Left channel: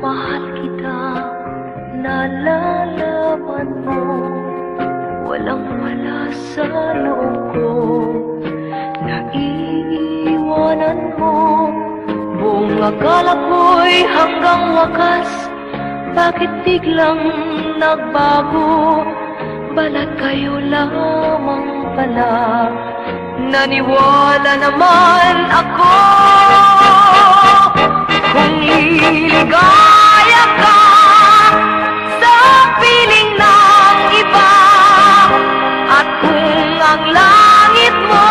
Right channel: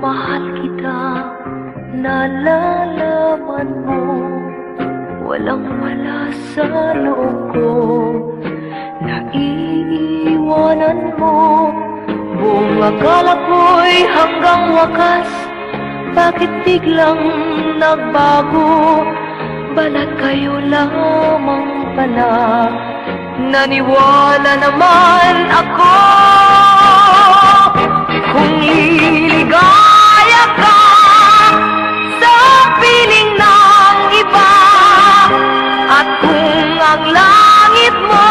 mahal kita, nalalaman mo, walang wala sa loob ko. Naiiwanan mo, buong akala ko'y hanggang wakas. Bakit biglang nagbago? Balat kayo lamang pala. Naniwala naman ako kung liligaya ka sa piling ng iba, at kung ang langit mo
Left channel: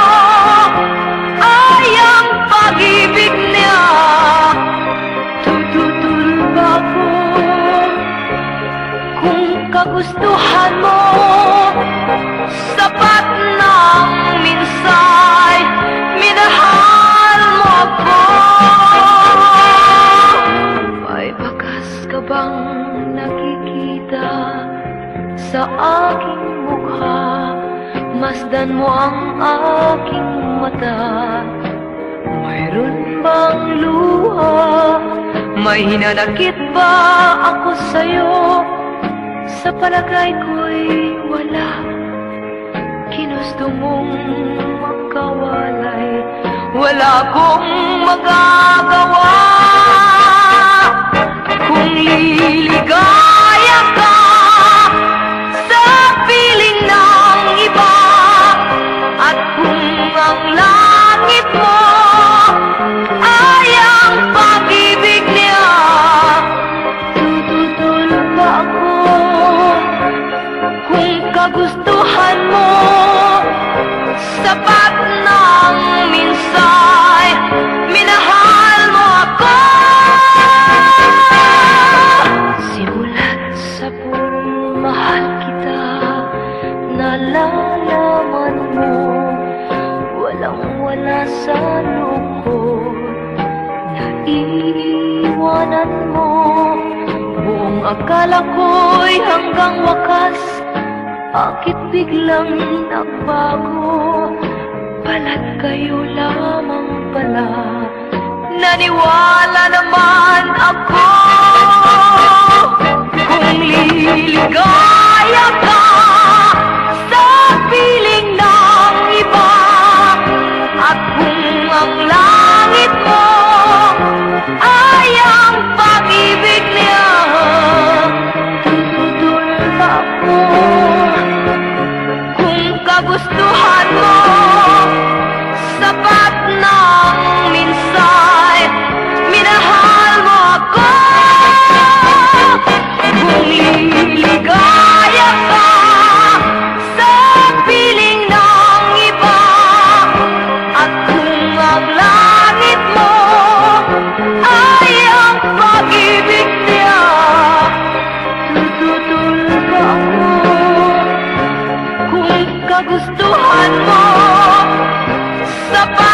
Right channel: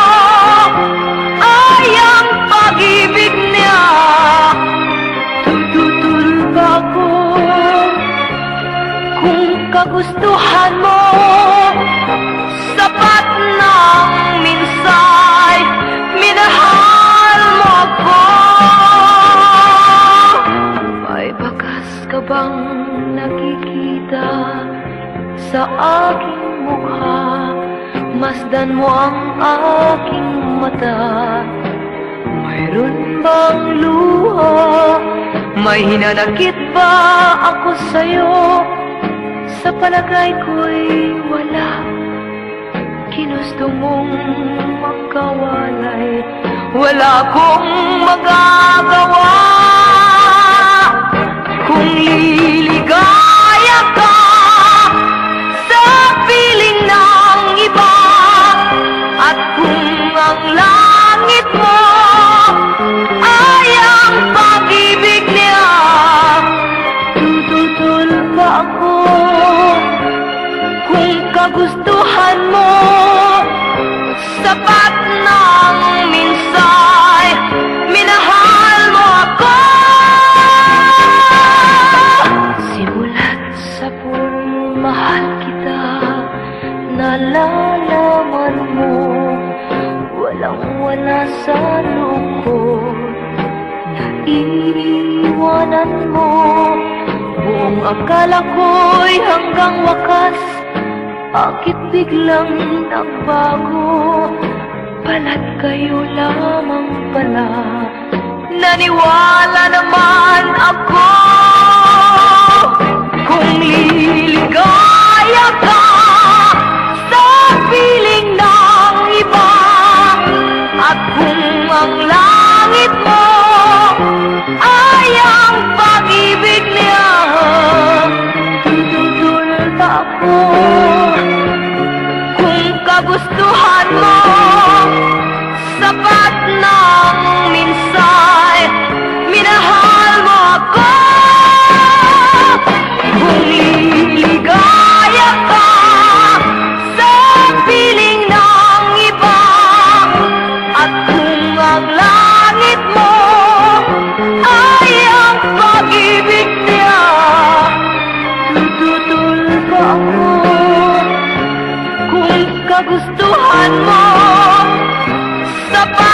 ay ang pag-ibig niya, tutulog ako. Kung kagustuhan mo, sapat ng minsay, minahal mo ko. May bakas ka bang nakikita sa aking mukha? Masdan mo ang aking mata. Mayroon bang luha? May hinanakit ba ako sa'yo? Sa palagay ko'y wala. Ginusto mong magkawalay, wala akong magagawa. Kung liligaya ka sa piling ng iba, at kung ang langit mo ay ang pag-ibig niya, tutulog ba ako? Kung kagustuhan mo, sapat ng minsay, minahal mo ako. Simulat sa purong mahal kita, nalalaman mo, walang wala sa loob ko. Naiiwanan mo, buong akala ko'y hanggang wakas. Bakit biglang nagbago? Balat kayo lamang pala. Naniwala naman ako kung liligaya ka sa piling ng iba, at kung ang langit mo ay ang pag-ibig niya, tutulog ako. Kagustuhan mo, sapat ng minsay, minahal mo ako. Kung liligaya ka sa piling ng iba, at kung ang langit mo ay ang pag-ibig niya, tutulog ako. Kung kagustuhan mo, sapat